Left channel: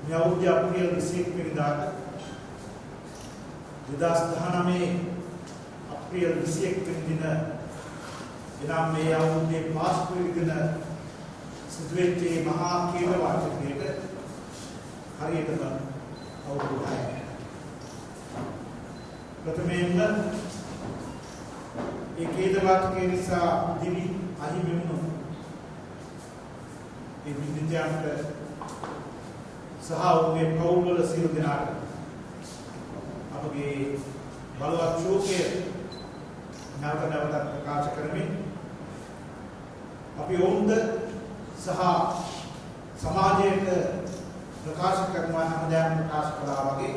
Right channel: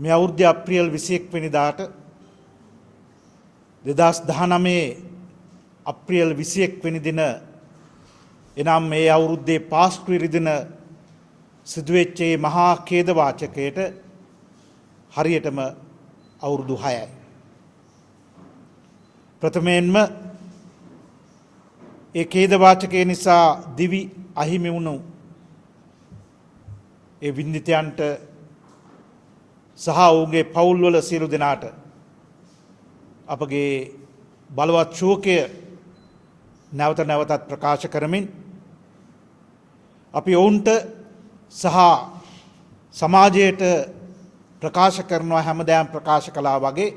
මේ අවුරුද්දේ අප්‍රේල් 21 වෙනිදාට 2019 අප්‍රේල් 21 වෙනි දින එනම් මේ අවුරුද්දේ පාස්කු දින සිදුවෙච්ච මහා ඛේද වාචකයට හරියටම අවුරුදු 6යි. ප්‍රථමයෙන්ම ඒ ඛේද වාචකය නිසා දිවි අහිමි වුණු ඒ වින්දිතයන්ට සහ ඔවුන්ගේ පවුල්වල සියලු දෙනාට අපගේ බලවත් ශෝකය නැවත නැවතත් ප්‍රකාශ කරමින් අපි ඔවුන්ට සහ සමාජයට ප්‍රකාශ කරනවා හැමදාම ප්‍රකාශ කළා වගේ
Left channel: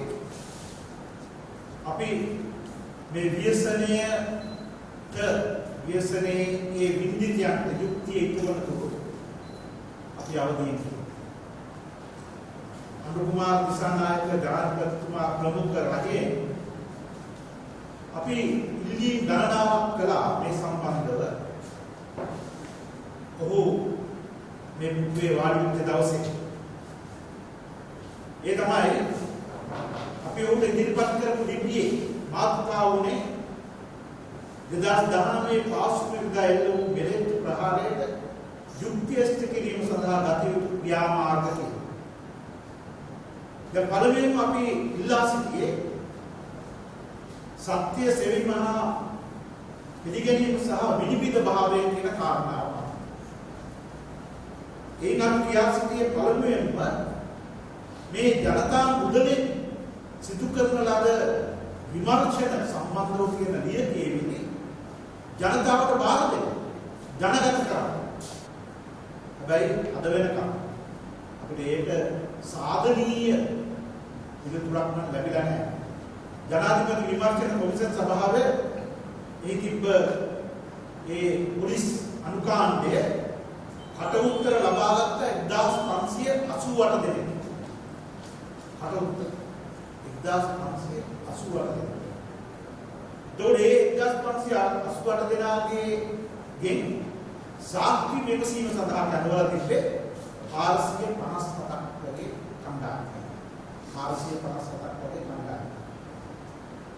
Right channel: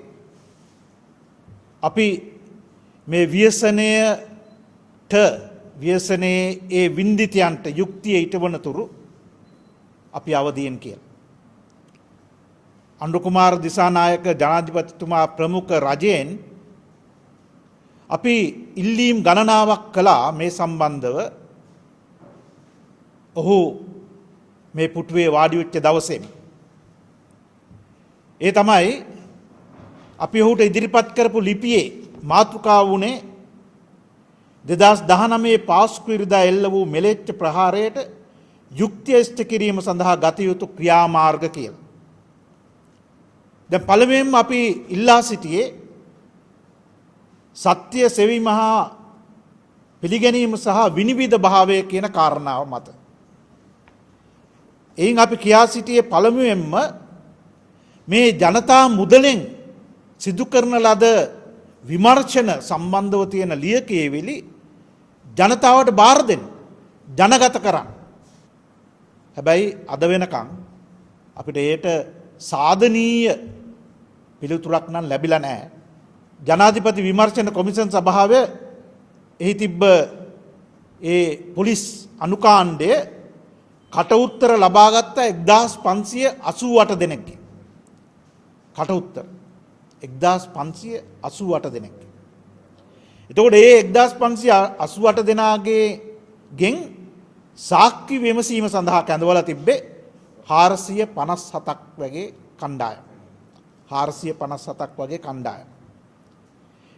අපි මේ ව්‍යසනයේ ඒ වින්දිතයන්ට යුක්තිය ඊටවන තුරු අපි අවදීන් කියනවා. අනුර කුමාර දිසානායක ජනාධිපතිතුමා ප්‍රමුඛ රජයෙන් අපි ඉල්ලීම් ගණනාවක් කළා මේ සම්බන්ධව. ඔහු මේ පුටුවේ වාඩි වෙච්ච දවසේ ඒ තමයි අපි ඔහුට ඉදිරිපත් කරපු ලිපියේ මාතෘකාව වුණේ 2019 පාස්කු ඉරිදා එල්ල වූ මෙලෙච්ච ප්‍රහාරයට යුක්තිය ඉෂ්ට කිරීම සඳහා ගත යුතු ක්‍රියාමාර්ග කියන. දැන් පළමුවෙන්ම අපි ඉල්ලා සිටියේ සත්‍ය සෙවීමහා පිළිගැනීම සහ විනිවිද භාවය කියන කාරණාව මත. එයින් අපි කියා සිටියේ පළමුවෙන්ම මේ ජනතා මුදලෙන් සිදු කරන ලද විමර්ශන සම්බන්ධව තියෙන ලියකියවිලි ජනතාවට බාර දෙන්න, ජනගත කරන්න. හැබැයි අද වෙනකම් අපිට ඒට සාධනීය පිළිතුරක් නම් ලැබිලා නැහැ. ජනාධිපති විමර්ශන කොමිෂන් සභාවේ එහි තිබ්බ ඒ පොලිස් අනුකාණ්ඩය කට උත්තර ලබාගත්ත 1588 දෙනෙක්. කට උත්තර 1588 දෙනෙක්. එතකොට මේ 1588 දෙනාගේ ගෙන් සාක්ෂි විමසීම සඳහා කැඳවලා තිබ්බේ 457ක් වගේ කණ්ඩායම්. 457ක් වගේ කණ්ඩායම්.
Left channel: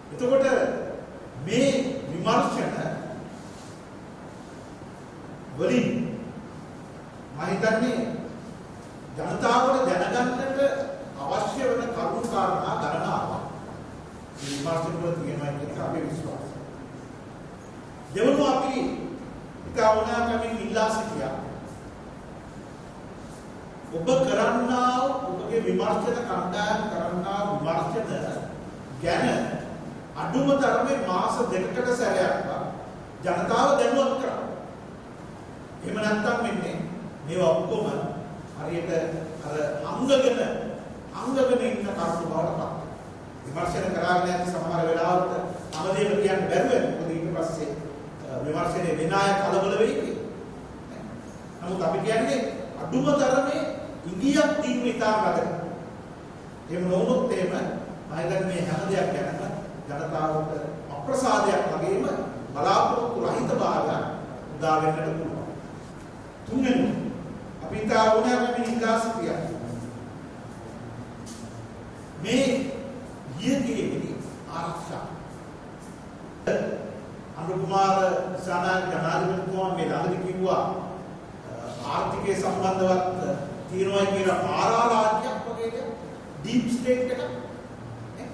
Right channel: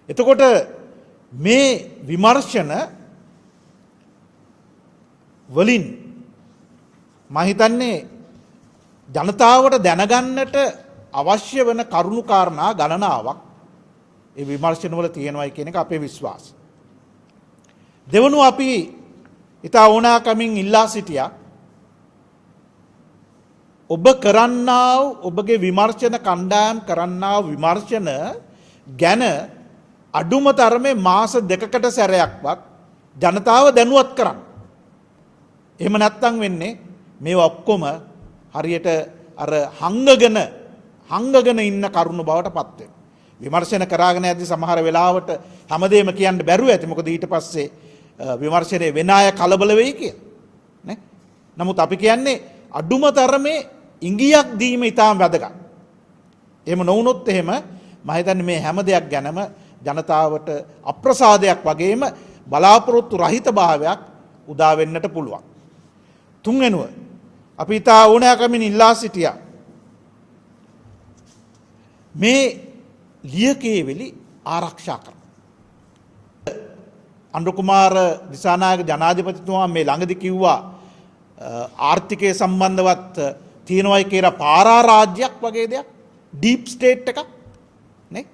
එතකොට මේ විමර්ශන වලින් මම හිතන්නේ ජනතාවට දැනගන්නට අවශ්‍ය වෙන කරුණු කාරණා ගණනාවක් ඒ විමර්ශන වල තියෙනවායි කියන එක අපේ විශ්වාසය. දෙවනුව අපි ඉතා ඕනාකමින් ඉල්ලා සිටියා ඔබ කරන්නා වූ ඔබගේ විමර්ශන කණ්ඩායම් කරන්නා වූ විමර්ශන ගැන අඩුම තරමේ මාස දෙකකට සැරයක්වත් ජනතාව දැනුවත් කරන්න. එහෙම නැත්නම් වෙන්නේ මේ ඔක්කොම හරියට අර හංගගෙන ඉන්න කරුණු බවට පත් වෙනවා. විමර්ශන කරාගෙන ඇති සමහර වෙලාවට හැමදේම කියන්න බැරුව ඇති. මොකද ඊට පස්සේ විමර්ශනයේ වෙන අය කලබල වෙයි කියලා. නේ? නමුත් අපි කියන්නේ අඩුම තරමේ ඉඟියක් දීම ඉතාම වැදගත්. එහෙම නොවුනොත් එහෙම මම හිතන්නේ මේ හැම දෙයක් ගැනම ජනතාවට අප්‍රසාදයක් වගේම බලාපොරොත්තු රහිත භාවයක් උදා වෙන්නට පුළුවන්. තුන්වෙනුව අපි ඉතා ඕනෑකමින් ඉල්ලා සිටියා මේ ලියකියවිලි ආරක්ෂා කරන්න. අනුර කුමාර දිසානායක ජනාධිපතිතුමා මේ ළඟදී කිව්වා ආර්ථිකය සම්බන්ධවත් තියෙනවයි කියලා පාරා රාජ්‍යයක් වගේ දෙයක්, ඩීප් ස්ටේට් එකක් නේ.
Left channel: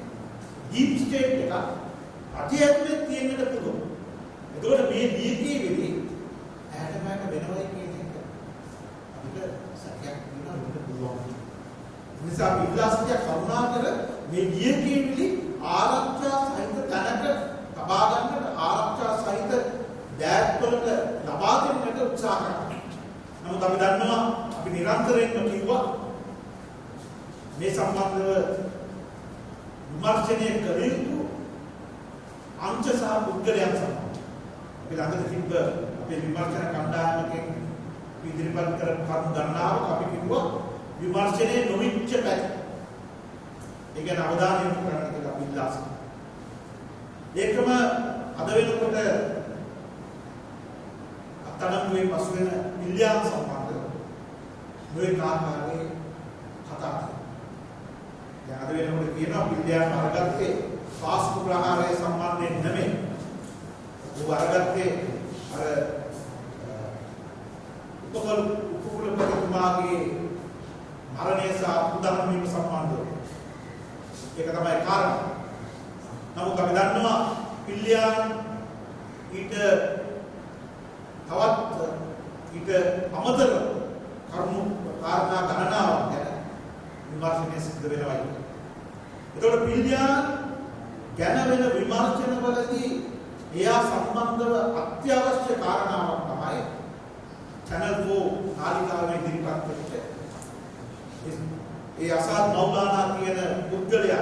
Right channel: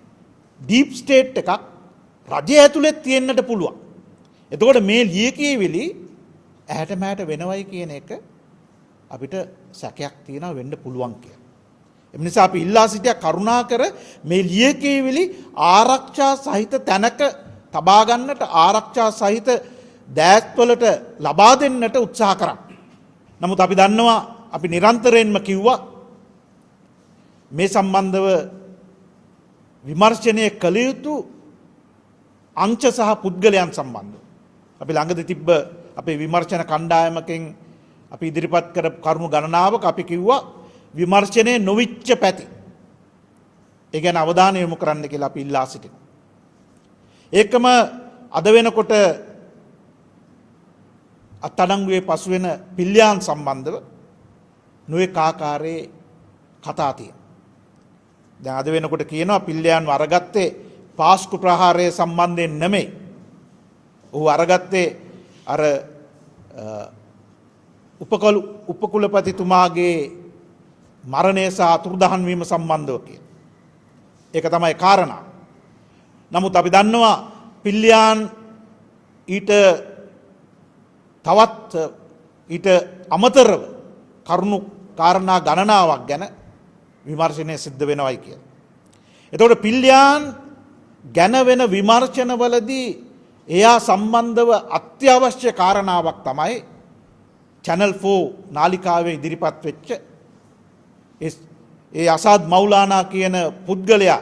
ඩීප් ස්ටේට් එකක් රජය ඇතුලේ තියෙන්නට පුළුවන්. එතකොට මේ ලියකියවිලි ඇහැට මෑට වෙනවයි කියන එක අපිට සැකයක් තියෙනවා වෙන්න පුළුවන් කියලා. ඒ නිසා අපි ඉල්ලා සිටියා කරුණාකර මේ ලියකියවිලි ආරක්ෂා සහිත තැනක තබා ගන්නට, ආරක්ෂා සහිත දෑත්වලට ලබා දෙන්නට උත්සාහ කරා. නමුත් අපි දන්නවා අපි නිරන්තරයෙන්ම කිව්වා මේ සම්බන්ධව විමර්ශනය කළ යුතු අංශ සහ පුද්ගලයන් සම්බන්ධව. අපි ළඟදී තිබ්බ අපේ විමර්ශන කණ්ඩායමකින් අපි ඉදිරිපත් කර කරුණු ගණනාවක අපි කිව්වා විමර්ශනයේ නොවිච්ච පැති. ඒ ගැන අවධානය යොමු කරන්න කියලා අපි ඉල්ලා සිටිනවා. ඒකම අද වෙනකොට අත්අඩංගුවේ පසු වෙන පිල්යාන් සම්බන්ධව නොඑක ආකාරයේ කතා තියෙනවා. දැන් අද වෙනකොට කියනවා පිල්ලියාන් අරගත්තේ පාස්කු ප්‍රහාරය සම්බන්ධයෙන් නෙමෙයි. ඌ අරගත්තේ අර උපකුලපතිතුමාගේ මරණය සහ අතුරුදහන් වීම සම්බන්ධව. ඒක තමයි කාරණා. නමුත් අපි දන්නවා පිල්ලියාන් ඊට තවත් ඊට අමතර කරුණු කාරණා ගණනාවක් ගැන විමර්ශනය සිද්ධ වෙනවයි කියලා. එතකොට පිල්ලියාන් ගැන වෙන විමර්ශනවලදී එයා සම්බන්ධව අත්‍යවශ්‍ය කාරණාවක් තමයි Channel 4 නාලිකාවේ ඉදිරිපත් වෙච්ච ඒ අසාද් මෞලානා කියන පුද්ගලයා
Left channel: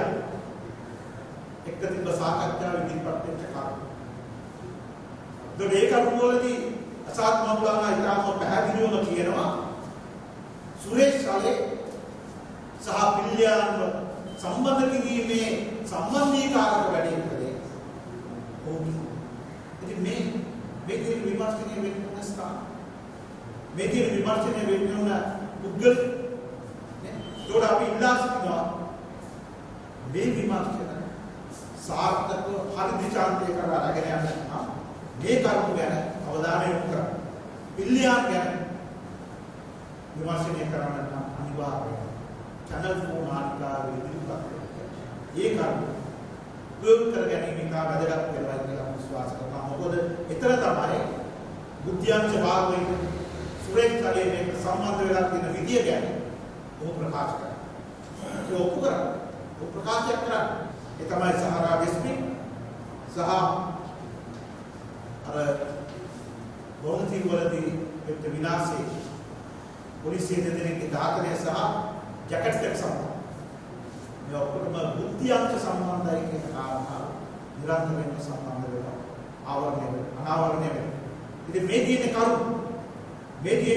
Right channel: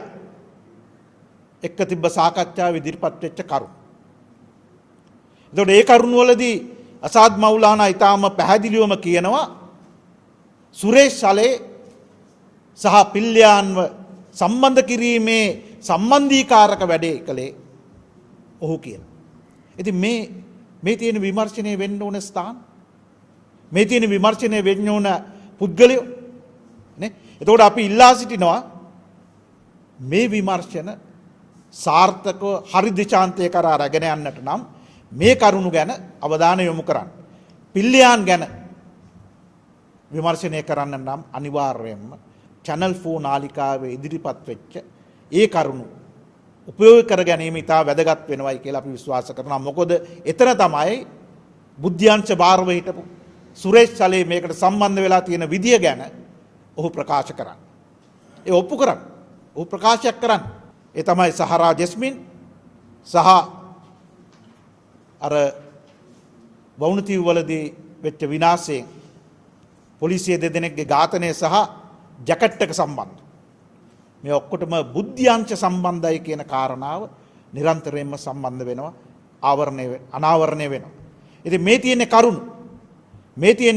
එක්ක තිබ්බ සාකච්ඡාව ඉදිරිපත් වෙච්ච කරුණ. එතකොට ඒ කරුණවලදී අසාද් මෞලානා ඊටාම පැහැදිලිවම කියනවා සුරේෂ් සලේ සහ පිල්ලියාන්ව සම්බන්ධ කිරීමේ සම්බන්ධීකාරක වැඩේ කළේ ඔහු කියන. ඉතින් මේ තියෙන විමර්ශනය වෙන්න ඕන ස්ථාන මේ තියෙන විමර්ශනය වෙන්න ඕන පුද්ගලයෝ නේ. එතකොට අපි ඉල්ලා සිටිනවා මේ විමර්ශන සාර්ථකව හරි දිශාන්තය කරා රැගෙන යන්නට නම් මේ කරුණු ගැන අවධානය යොමු කරන්න. පිල්ලියාන් ගැන විමර්ශනය කරන්න නම් අනිවාර්යයෙන්ම Channel 4 නාලිකාවේ ඉදිරිපත් වෙච්ච ඒ කරුණු උපයෝග කර ගැනීම ඉතා වැදගත් වෙනවයි කියලා අපි විශ්වාස කරනවා. මොකද එතන තමයි බුද්ධ්‍යංශ භාරව හිටපු සුරේෂ් සලේ මේකට සම්බන්ධ වෙලා තියෙන විදිය ගැන ඔහු ප්‍රකාශ කරන්නේ. ඒ ඔප්පු කරන්නේ. ඔහු ප්‍රකාශයක් කරන්නේ. ඒ තමයි සහරා ජස්මින් සහ අර වවුනතිව් වලදී වෙච්ච විනාශයේ පොලිසිය දෙදෙනෙක්ගේ ඝාතනය සහ ජැකට් එක සම්බන්ධ. මේ ඔක්කොටම බුද්ධ්‍යංශ සම්බන්ධයි කියන කාරණාව නිරන්තරයෙන්ම සම්බන්ධ වෙනවා අනාවරණය වෙනවා. ඉතින් මේ තියෙන්නේ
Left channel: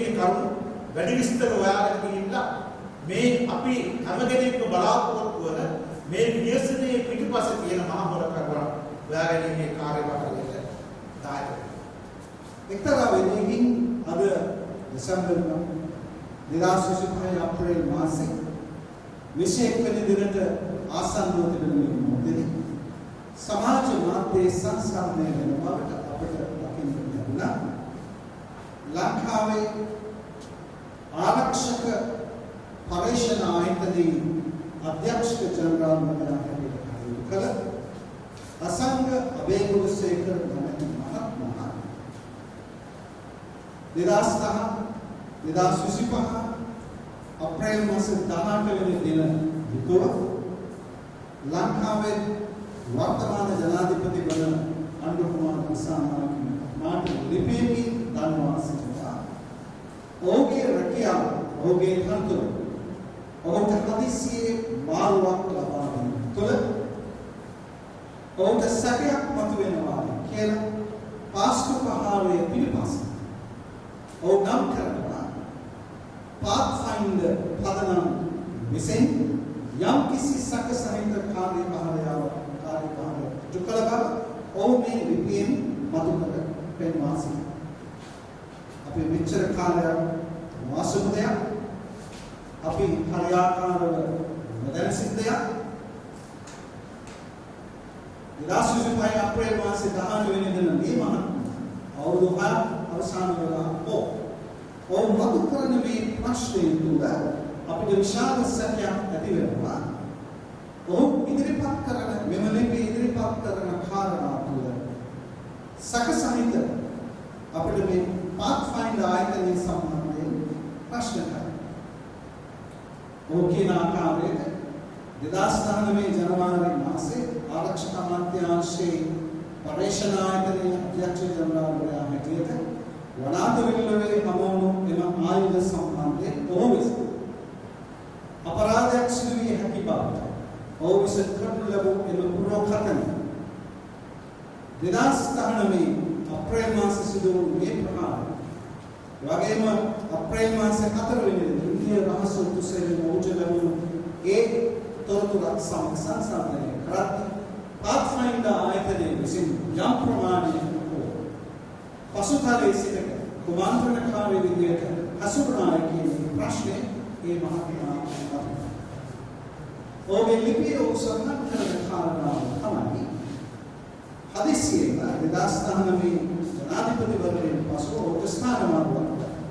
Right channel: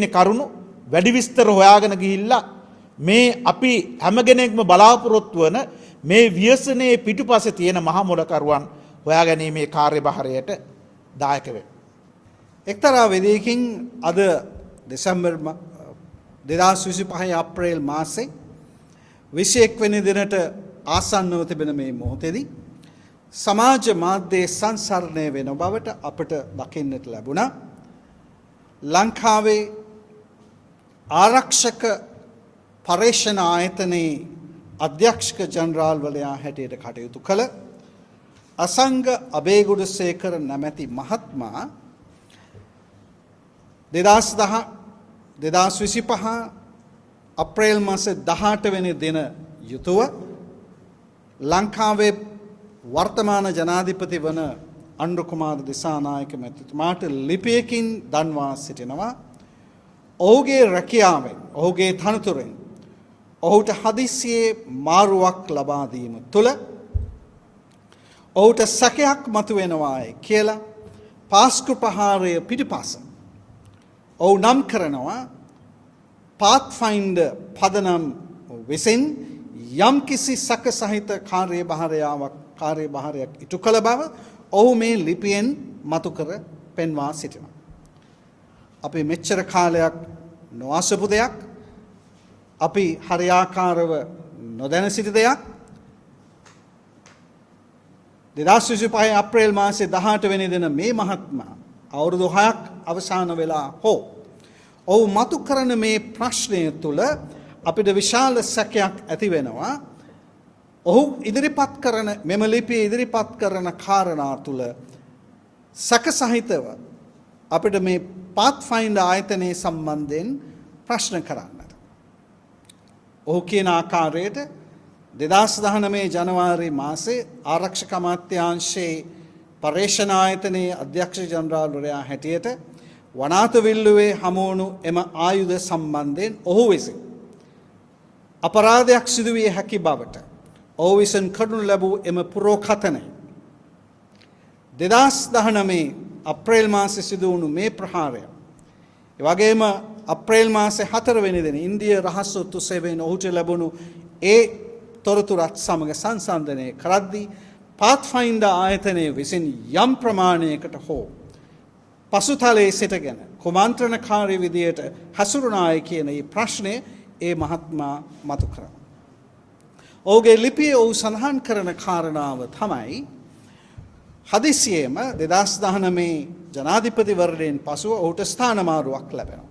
කරුණු වැඩි විස්තර හොයාගෙන ගිහිල්ලා මේ අපි හැම කෙනෙක්ම බලාපොරොත්තු වන මේ ව්‍යසනයේ පිටුපස්සේ තියෙන මහ මොලකරුවන් හොයාගැනීමේ කාර්යභාරයට දායක වෙනවා. එක්තරා වෙදයකින් අද දෙසැම්බර් 2025 අප්‍රේල් මාසේ 21 වෙනි දිනට ආසන්නව තිබෙන මේ මොහොතේදී සමාජ මාධ්‍යයේ සංසරණය වෙන බවට අපට දකින්නට ලැබුණා. ලංකාවේ ආරක්ෂක පර්යේෂණ ආයතනයේ අධ්‍යක්ෂක ජනරාල්වරයා හැටියට කටයුතු කළ අසංග අබේගුණසේකර නැමැති මහත්මයා 2025 අප්‍රේල් මාසේ 18 වෙනි දින යුතුව ලංකාවේ වර්තමාන ජනාධිපති වන අනුර කුමාර දිසානායක මහත්මයාට ලිපියකින් දන්වා සිටිනවා ඔහුගේ රැකියාව ඔහුගේ තනතුර ඔහුට හදිසියේ මාරුවක් ලබා දීම තුළ ඔහුට සැකයක් මතුවෙනවායි කියලා පාස්කු ප්‍රහාරය පිටිපස්ස ඔහු නම් කරනවා පාත්ෆයින්ඩර් පදනම් විසින් යම් කිසි සැක සහිත කාර්යභාරයක් ඉටු කළ බව ඔහු මේ ලිපියෙන් මතු කර පෙන්වා සිටිනවා. අපි මෙච්චර කාලයක් නොඅසපු දෙයක් අපි හරියාකාරව නොදැන සිටි දෙයක් 2025 අප්‍රේල් මාසේ 18 වෙනි දින මේ මහත්මයා අවුරුදු 6ක් අවසන් වෙලා ඔහු මතු කරන මේ ප්‍රශ්නය තුළ අපිට විශාල සැකයක් ඇති වෙනවා. ඔහු ඉදිරිපත් කරන මෙම ලිපිය ඉදිරිපත් කරන කාරණා තුළ සැක සහිතව අපිට මේ පාත්ෆයින්ඩර් ආයතනයේ සම්බන්ධයෙන් ප්‍රශ්න කරන්න. ඔහු කියන ආකාරයට 2019 ජනවාරි මාසේ ආරක්ෂක අමාත්‍යාංශයේ පර්යේෂණ ආයතනයේ අධ්‍යක්ෂ ජනරාල්වරයා හැටියට වනාත විල්ලුවේ හමුවුණු එම ආයුධ සම්බන්ධයෙන් ඔහු විසින් අපරාධයක් සිදු විය හැකි බවට ඔහු විසින් කරනු ලැබූ එම පුරෝකථනය 2019 අප්‍රේල් මාසයේ සිදු වුණු මේ ප්‍රහාරය එවැගේම අප්‍රේල් මාසේ 4 වෙනි දින ඉන්දියා රහස් ඔත්තු සේවයෙන් ඔහුට ලැබුණු ඒ තොරතුරත් සමග සංසන්දනය කරද්දී පාත්ෆයින්ඩර් ආයතනයේ විසින් යම් ප්‍රමාණයකට හෝ පසුතලයේ සිටගෙන කුමන්ත්‍රණකාරී විදියට හසුරුනායි කියන මේ ප්‍රශ්නේ ඒ මහත්මයා මතු කරා. ඔහුගේ ලිපියේ ඔහු සඳහන් කරන කාරණාව තමයි හදිසියෙම 2019 ජනාධිපතිවරණයෙන් පසුව ඔහුට ස්ථානමාරුවක් ලැබුණා.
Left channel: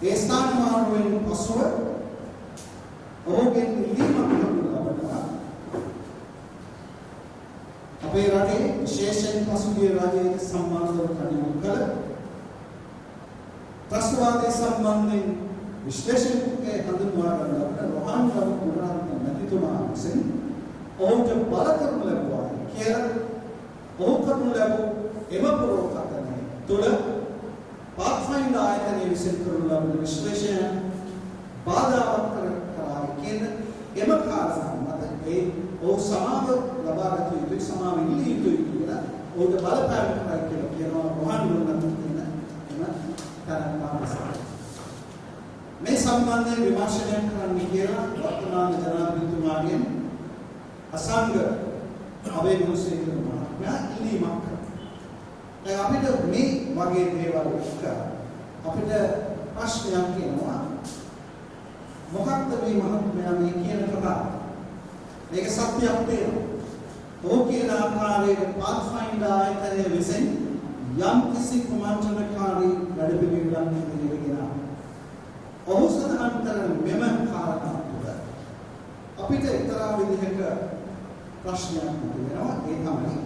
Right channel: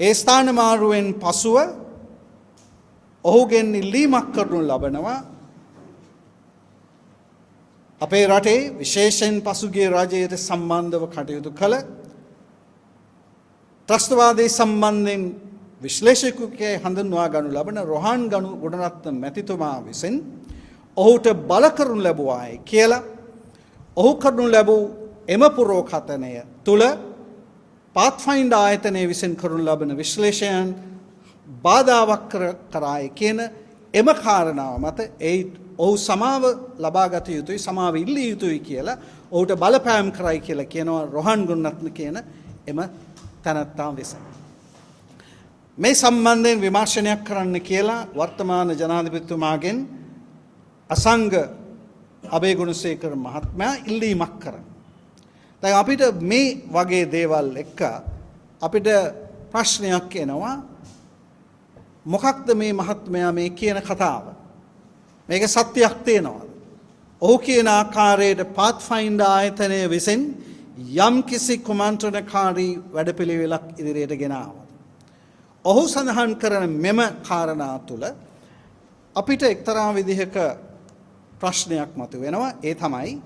ඒ ස්ථානමාරුවෙන් පසුව ඔහුගෙන් ඉල්ලීමක් කරනු ලබනවා අපේ රටේ විශේෂයෙන් පසුගිය රජයට සම්බන්ධව කටයුතු කළ ත්‍රස්තවාදී සම්බන්ධයෙන් විශ්ලේෂකයෙක් හඳුන්වා ගනු ලබන රොහාන් ගුණරත්න මැතිතුමා විසින් ඔහුට බල කරනු ලැබුවායි කියලා ඔහු කරනු ලැබූ එම පුරෝකථනය තුල පාත්ෆයින්ඩර් ආයතනය විසින් කරනු ලබන විශ්ලේෂණයන් බාධාවක් කරායි කියන එම කාරණාව මත ඒ ඔහු සමාව ලබාගත යුතුයි සමාව ඉල්ලිය යුතුයි කියලා ඔහුට බලපෑම් කරයි කියලා කියනවා රොහාන් ගුණරත්න කියන එම තනත්තා විසින්. මේ සම්බන්ධයෙන් විමර්ශනයක් කරන්න කියලා වර්තමාන ජනාධිපතිතුමාගෙන් අසංග අබේගුණසේකර මහත්මයා ඉල්ලීමක් කරා. දැන් අපිට මේ වගේ දේවල් එක්ක අපිට ප්‍රශ්නයක් එනවා. මොකක්ද මේ මහත්මයා මේ කියන කතාව? මේක සත්‍යයක් තියෙනවා. ඔහු කියන ආකාරයට පාත්ෆයින්ඩර් ආයතනය විසින් යම් කිසි කුමන්ත්‍රණකාරී වැඩපිළිවෙලක් ඉදිරියට ගෙනාවා. ඔහු සඳහන් කරන මෙම කාරණා තුළ අපිට එක්තරා විදිහක ප්‍රශ්නයක් මතුවෙනවා. ඒ තමයි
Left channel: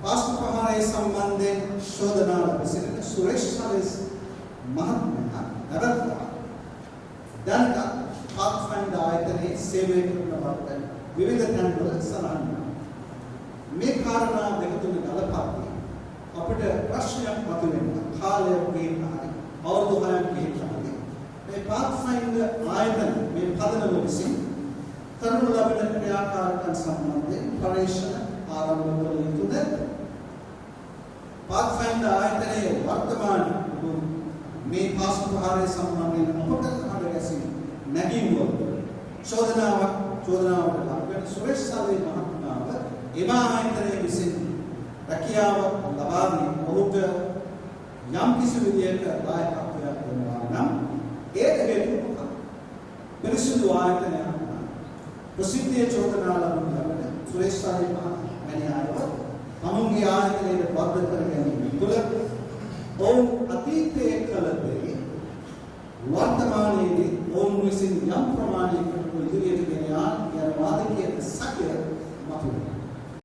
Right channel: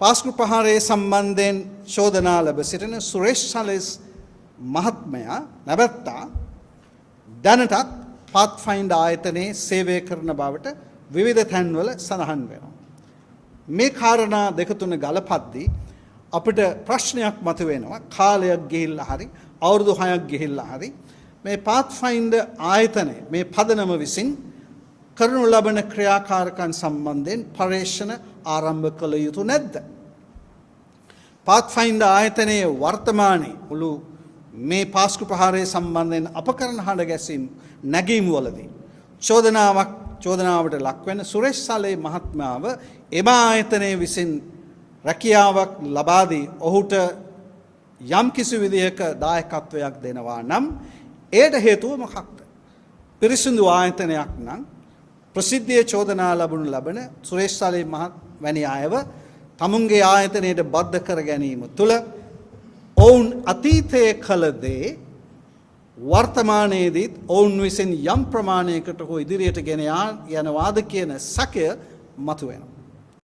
පාස්කු ප්‍රහාරයේ සම්බන්ධයෙන් චෝදනා ලැබ සිටින සුරේෂ් සලස් මහත්මයා නැවත්තා දැනටත් පාත්ෆයින්ඩර් ආයතනයේ සේවය කරන බවට විවිධ තැන්වල සඳහන් වෙනවා. මේ කාරණා දෙක තුන ගලපද්දී අපිට ප්‍රශ්නයක් මතුවෙනවා. කාලයක් ගිහිල්ලා හරි අවුරුදු 6ක් ගිහිල්ලා හරි මේ පාත්ෆයින්ඩර් ආයතනය මේ පදනම විසින් කරනු ලබන ක්‍රියාකාරකම් සම්බන්ධයෙන් පරීක්ෂණ ආරම්භ කළ යුතු නැද්ද? පාත්ෆයින්ඩර් ආයතනයේ වර්තමානයේ මුළු මේ පාස්කු ප්‍රහාරය සම්බන්ධයෙන් අපකරන හඬ ගැසීම් නැගීම් වලදී චෝදනාවට ලක් වෙන සුරේෂ් සලේ මහත්මයාව එම ආයතනයේ විසින් රැකියාවක් ලබා දී ඔහුට යම් කිසි විදියක දායකත්වයක් දෙනවා නම් ඒට හේතුව මොකක්ද? පිරිසිදු ආයතනයක් නම් ප්‍රසිද්ධියේ චෝදනා ලබනු ලබන සුරේෂ් සලේ වැනි අයව තමුන්ගේ ආයතනයට බද්ධ කර ගැනීම තුළ ඔවුන් අතීතයේ කළ දේ වර්තමානයේදී ඔවුන් විසින් යම් ප්‍රමාණයකට ඉදිරියට ගෙන යනවාද කියන සැකය මතුවෙනවා.